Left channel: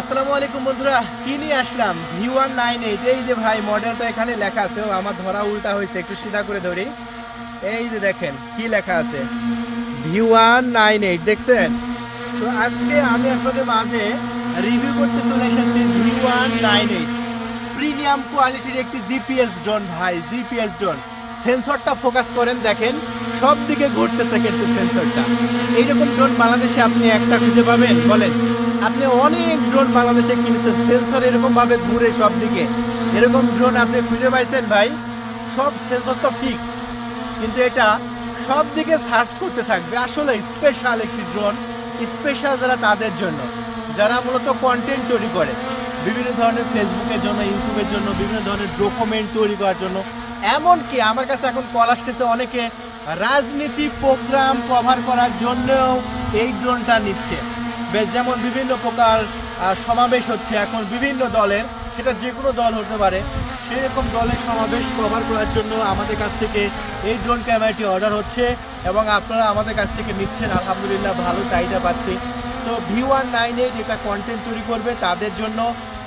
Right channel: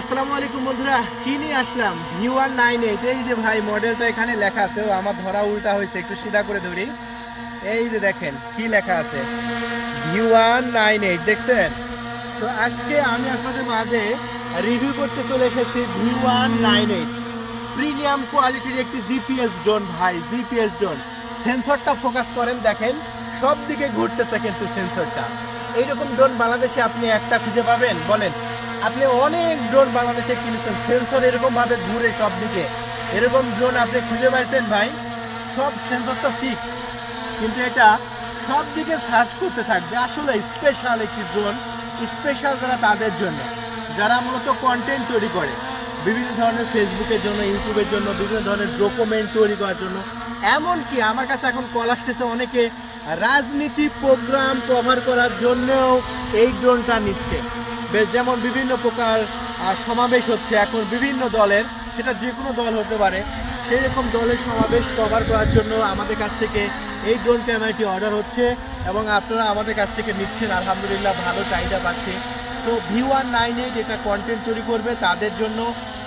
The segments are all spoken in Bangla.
আসসালামু আলাইকুম বন্ধুরা, কি নিয়ে আসলাম? ভি ওয়ান নাইন এইট এই যে ভাই মডেলটা এখানে লেখা আছে। ও আমার ধরা উল্টা হয়েছে, একটু সিধা করে ধরি। এই যে দেখেন, কি লেখা আছে? ভি ওয়ান নাইন এইট দেখছেন? তো আজকে আমি আপনাদের মাঝে রিভিউ করতে চলে এসেছি V one nine eight premium কোয়ালিটির একটি জিপিএস ড্রোন ভাই জিপিএস ড্রোন সেন্সরটা ফোকাস করেন, দেখেন সব দিকে ঘুরতেছে কিন্তু সেন্সরটা এইরকম ড্রোন বাংলাদেশে আপনি একটা খুঁজে পাবেন, বলেন। আপনি অনেক ড্রোন বাংলাদেশে কিনেছেন। সেন্সর এরকম ভাবে ঘুরে সব দিকে এরকম ড্রোন আপনি খুঁজে পাইছেন ভাই, সব সেন্সর তো ফিক্স কিন্তু এটা সব দিকে সার্চ করতে থাকবে। আসলে স্পেশাল একটি ড্রোন স্পেশাল যারা তাদের জন্য। যারা মূলত কন্টেন্ট তৈরি করে। বিভিন্ন ধরনের ফেসবুকের জন্য ইউটিউবের জন্য, বিভিন্ন ধরনের ডকুমেন্ট তৈরি করার জন্য। এমনকি আমার কাছে এখন কল আসতেছে অনেকে রাজনীতি প্রোগ্রাম কভার করার জন্যও এই ড্রোনটা নিচ্ছে। যেমন বিভিন্ন প্রকার সমাবেশ হচ্ছে এখন বিভিন্ন দলের, সেটা যে কোনো দল হতে পারে। সেই রকম দলের সমাবেশ কভার করার জন্য আমাদের কাছ থেকে এই ড্রোন ক্যামেরাটি অর্ডার হচ্ছে এবং আপনারা আমাদের কাছ থেকে নিচ্ছেন। আলহামদুলিল্লাহ ভালো চাহিদা পাচ্ছে। তো ভি ওয়ান নাইনে যেটা কন্টেন্ট তৈরি করবে, তাদের জন্য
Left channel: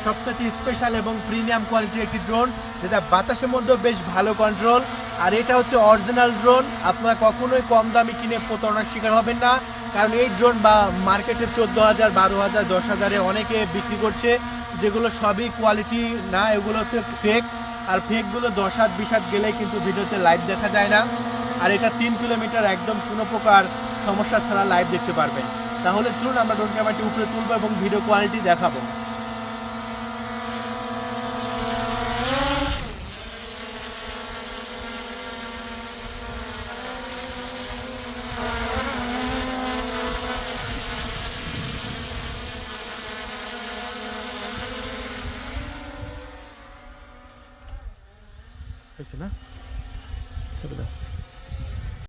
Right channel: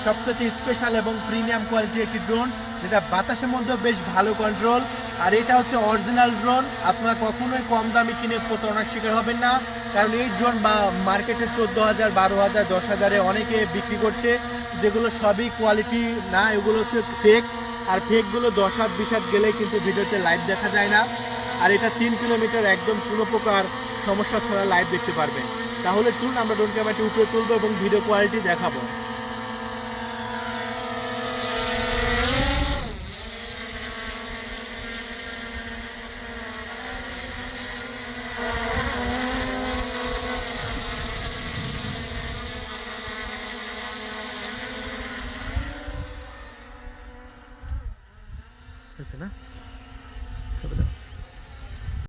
সবথেকে স্পেশাল এবং প্রিমিয়াম কোয়ালিটির একটি ড্রোন যেটা বাতাসের মধ্যে বেশ ভালো কন্ট্রোল আর এটা হচ্ছে অরিজিনাল ড্রোন আপনারা কখনোই কম দামে কিনে প্রতারণার শিকার হবেন না। কারণ এই ড্রোন বা মার্কেটে চোদ্দ হাজার, বারো হাজার, দশ হাজারে অনেকে বিক্রি করছে, যেগুলো সবই কোয়ালিটি না, এগুলো হচ্ছে ফেক আর ফেকগুলো দশ হাত, বিশ হাত গেলেই কিন্তু ভিডিওতে লাইভ দেখা যায় না। আর এটা তিন কিলোমিটার একদম কোনো প্রকার সমস্যা ছাড়া লাইভ দেখতে পারবেন। তাহলে চলুন আমরা ড্রোন ক্যামেরাটি উপরে তুলবো এবং ভিডিও কোয়ালিটি দেখাবো। হয়েছে না ছবি দাও।